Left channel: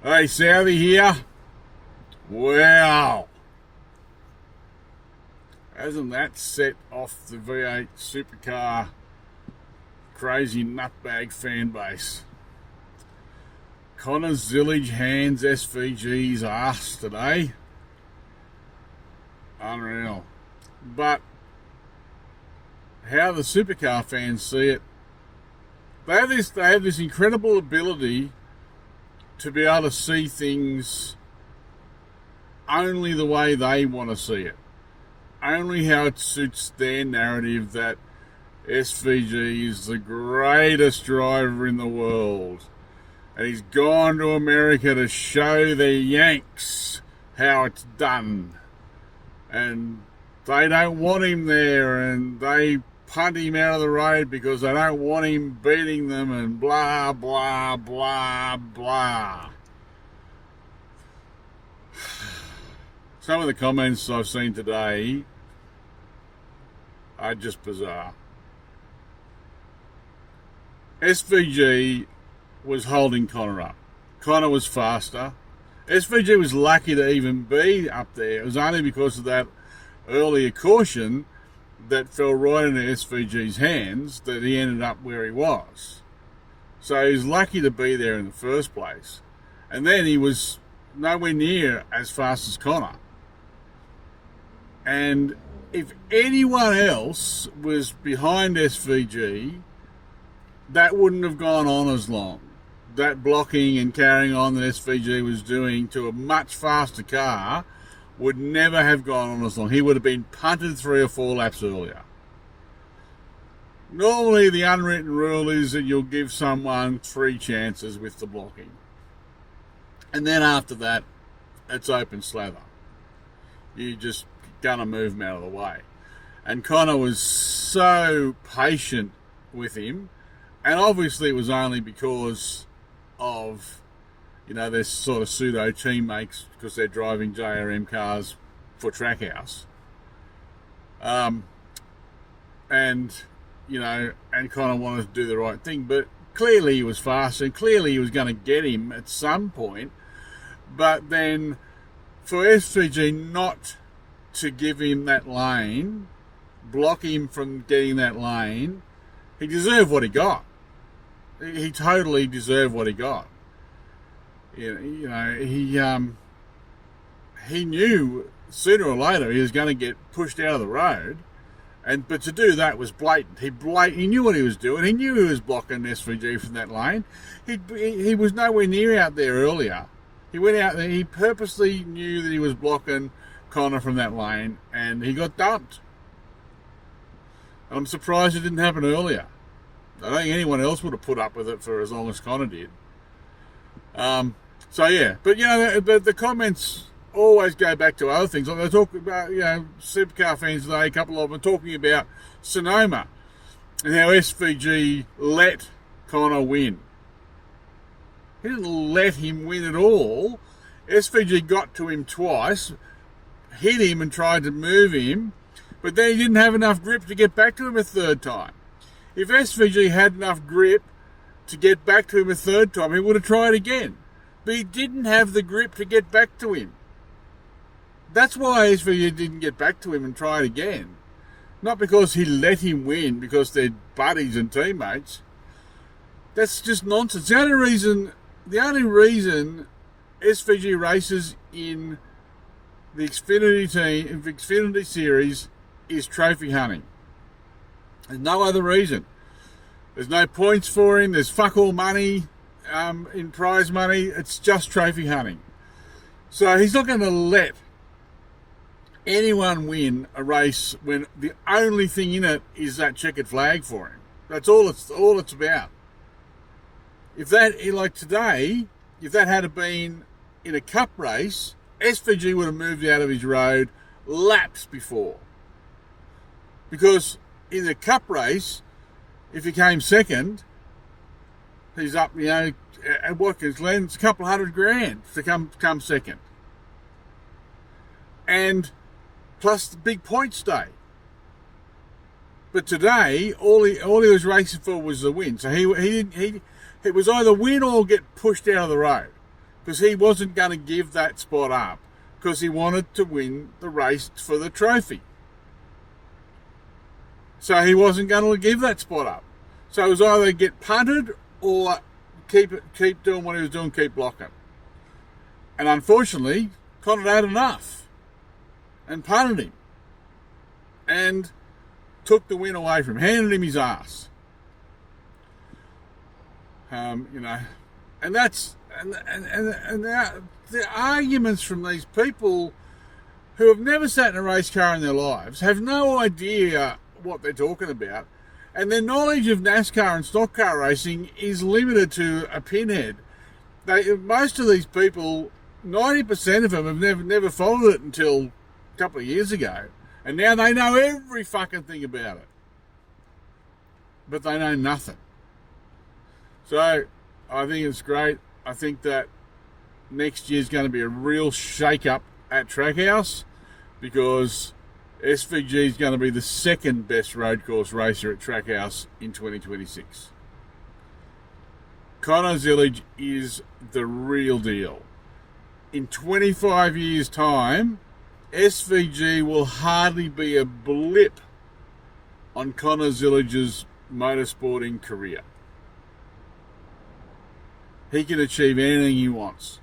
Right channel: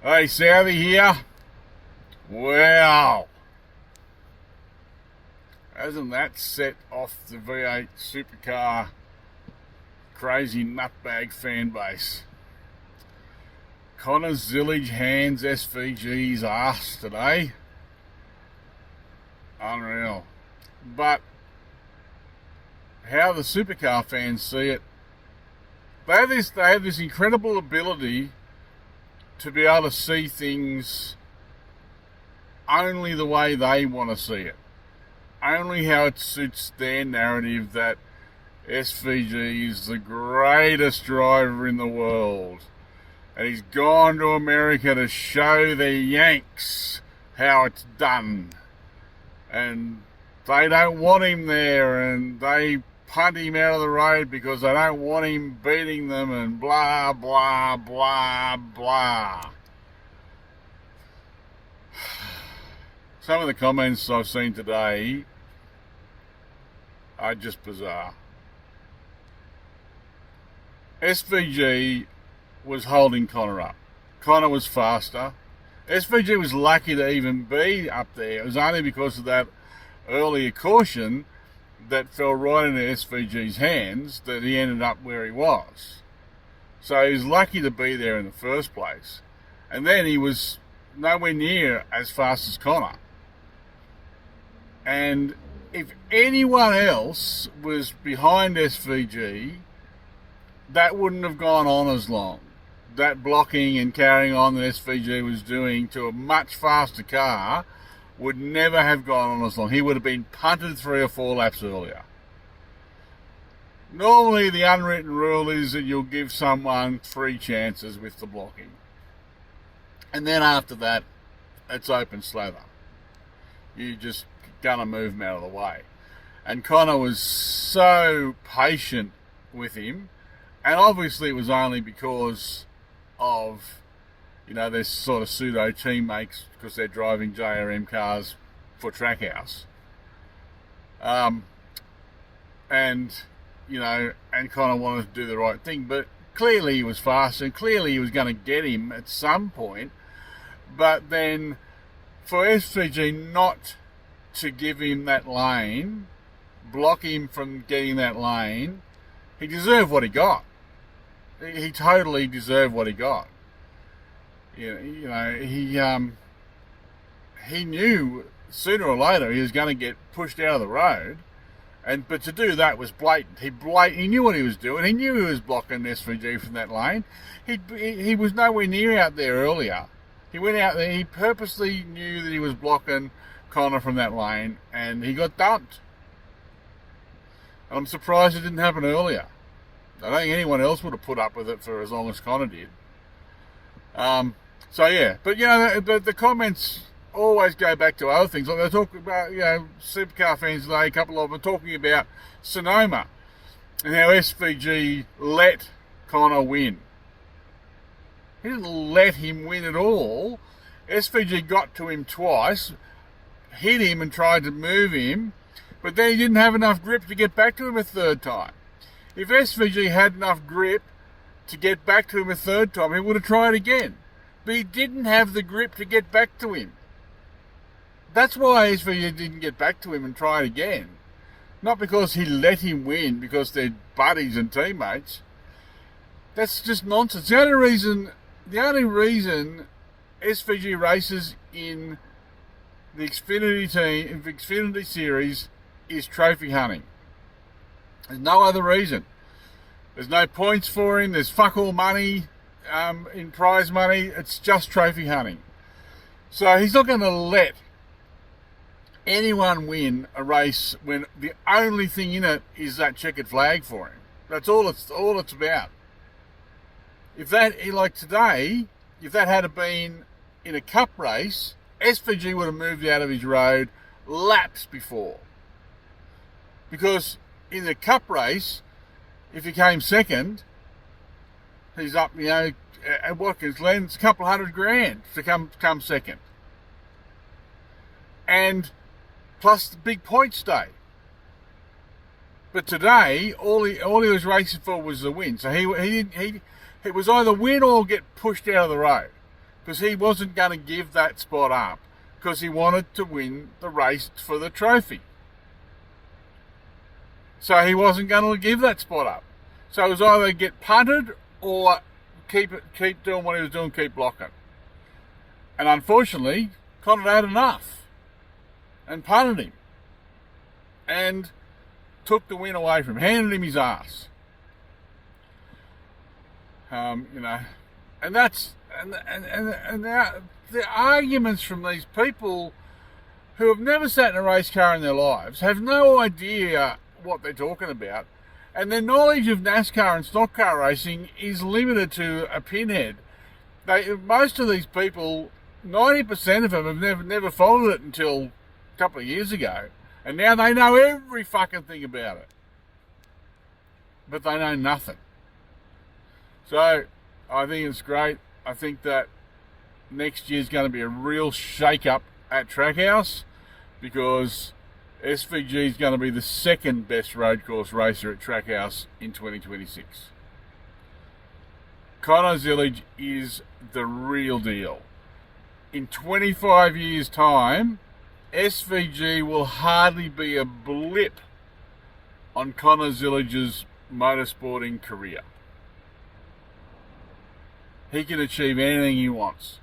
Hey, Southie here. Wow. Hasn't that set off the V8 supercar crazy nutbag fan base? Connor Zilisch hands SVG's ass today. Unreal. But how the supercar fans see it, they have this incredible ability to be able to see things only the way they want to see it. Only how it suits their narrative that SVG is the greatest driver in the world. And he's gone to America to show the Yanks how it's done. And they don't want him there, and they punt him out of the road because they don't want him beating them, and blah, blah, blah, blah. Some of the comments I've seen today are just bizarre. SVG was holding Connor up. Connor was faster. SVG was lucky to even be up there. It was only because of that earlier caution that fell right into SVG's hands that he ended up where he was. So he was lucky to be there in the first place. And then he was nowhere near as fast as Connor. And if anyone else was behind SVG, that wouldn't have gone on as long. That blocking and carrying on that SVG was doing to a much faster car would never have gone on as long. He would have been punted 3 or 4 laps earlier. Normally the unwritten rule is that you'll give someone 3 chances with the blocking. And then after that, it's open slather. You just gonna move him out of the way. And Connor was so patient with him, and obviously it was only because of, their sort of pseudo teammates, because they're driving JRM cars for Trackhouse. And Connor wanted to do the right thing, but clearly he was fast, and clearly he was going to get him at some point. But then for SVG not to give him that lane, block him from getting that lane, he deserved what he got. He totally deserved what he got. He knew sooner or later he was going to get pushed out of the road, but to do that was blatant. He knew what he was doing. He knew he was blocking SVG from that lane. He was nowhere near out there earlier. He went out there. He purposely knew that he was blocking Connor from that lane, and he got dumped. And I'm surprised it didn't happen earlier. I don't think anyone else would have put up with it for as long as Connor did. But the comments always go back to other things. Like they talk about, supercar fans today, a couple of them talking about Sonoma and how SVG let Connor win. He didn't let him win at all. SVG got to him twice, hit him and tried to move him, but then he didn't have enough grip to get back to him a third time. If SVG had enough grip to get back to him a third time, he would have tried again. But he didn't have the grip to get back to him. That's why SVG didn't get back to him and try it again. Not because he let him win, because they're buddies and teammates. That's just nonsense. The only reason SVG races in the Xfinity series is trophy hunting. There's no other reason. There's no points for him. There's fuck all money in prize money. It's just trophy hunting. So he's not going to let anyone win a race when the only thing in it is that checkered flag for him. That's all it's about. If that, like today, if that had been in a cup race, SVG would have moved out of his road laps before. Because in the cup race, if he came second, he's up, at Watkins Glen, it's a couple $100,000 to come second. And plus the big point stay. But today, all he was racing for was the win. So he it was either win or get pushed out of the road. because he wasn't going to give that spot up because he wanted to win the race for the trophy. So he wasn't going to give that spot up. So it was either get punted or keep doing what he was doing, keep blocking. And unfortunately, Connor had enough and punted him and took the win away from him, handed him his ass. You know, and that's and the arguments from these people who have never sat in a race car in their lives, have no idea what they're talking about, and their knowledge of NASCAR and stock car racing is limited to a pinhead. Most of these people, 90% of them have never followed it until a couple of years ago, and now they know every fucking thing about it, but they know nothing. So I think it's great. I think that next year's going to be a real shake-up at Trackhouse, because SVG is going to be the second best road course racer at Trackhouse in 2026. Connor Zilisch is the real deal. In 25 years' time, SVG will hardly be a blip on Connor Zilisch's motorsporting career. He can achieve anything he wants,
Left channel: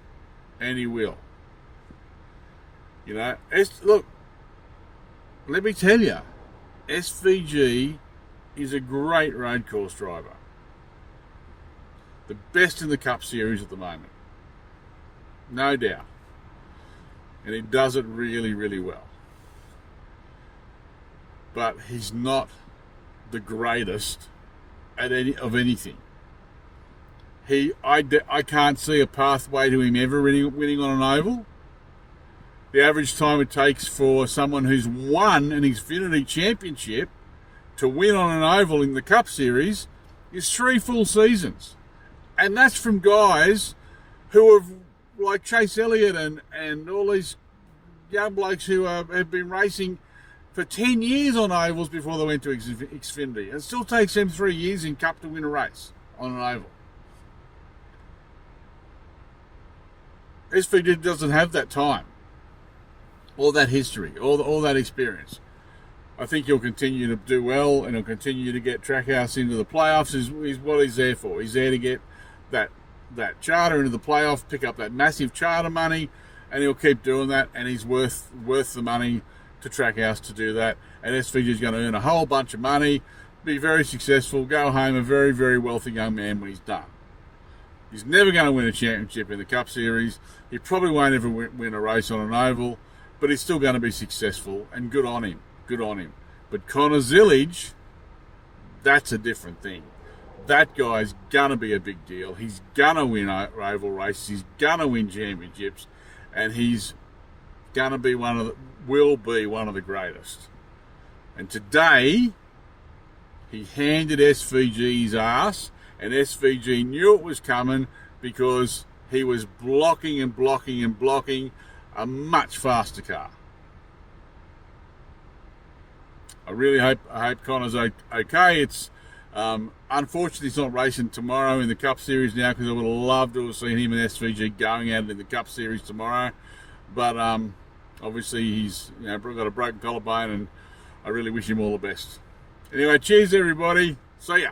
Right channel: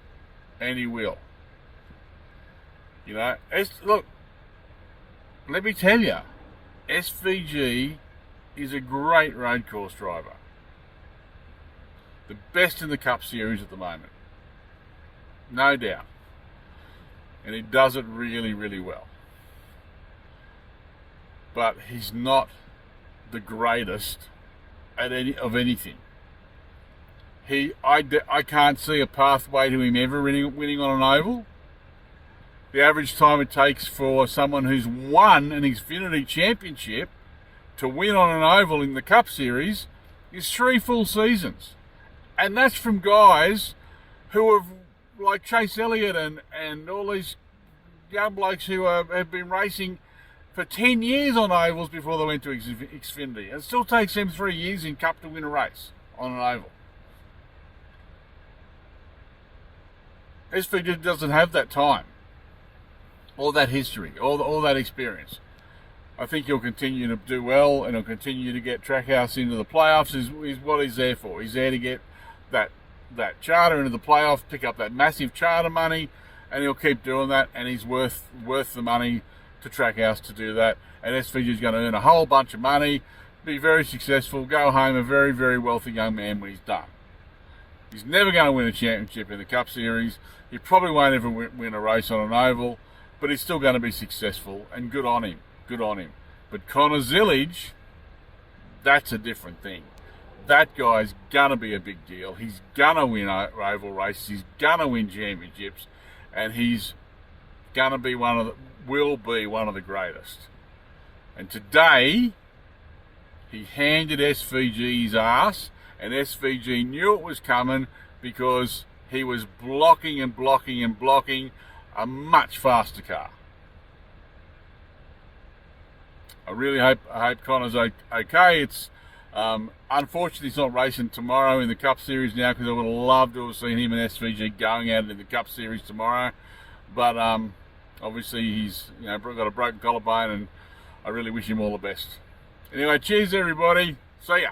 and he will. You know, look, let me tell you, SVG is a great road course driver. The best in the Cup Series at the moment. No doubt. And he does it really, really well. But he's not the greatest at of anything. I can't see a pathway to him ever winning on an oval. The average time it takes for someone who's won an Xfinity Championship to win on an oval in the Cup Series is 3 full seasons. And that's from guys who have, like Chase Elliott and all these young blokes who have been racing for 10 years on ovals before they went to Xfinity. It still takes them 3 years in Cup to win a race on an oval. SVG doesn't have that time, or that history, or that experience. I think he'll continue to do well, and he'll continue to get Trackhouse into the playoffs. Is what he's there for. He's there to get that charter into the playoffs, pick up that massive charter money, and he'll keep doing that. And he's worth the money to Trackhouse to do that. And SVG is going to earn a whole bunch of money, be very successful, go home a very, very wealthy young man when he's done. He's never going to win a championship in the Cup Series. He probably won't ever win a race on an oval, but he's still going to be successful, and good on him. Good on him. But Connor Zilisch, that's a different thing. That guy's going to be a big deal. He's going to win oval races. He's going to win championships, and he's going to be will be one of the greatest. And today, he handed SVG his ass, and SVG knew it was coming because he was blocking and blocking and blocking a much faster car. I really hope Connor's okay. It's unfortunately he's not racing tomorrow in the Cup Series now, because I would have loved to have seen him and SVG going at it in the Cup Series tomorrow. But obviously he's got a broken collarbone, and I really wish him all the best. Anyway, cheers everybody. See ya.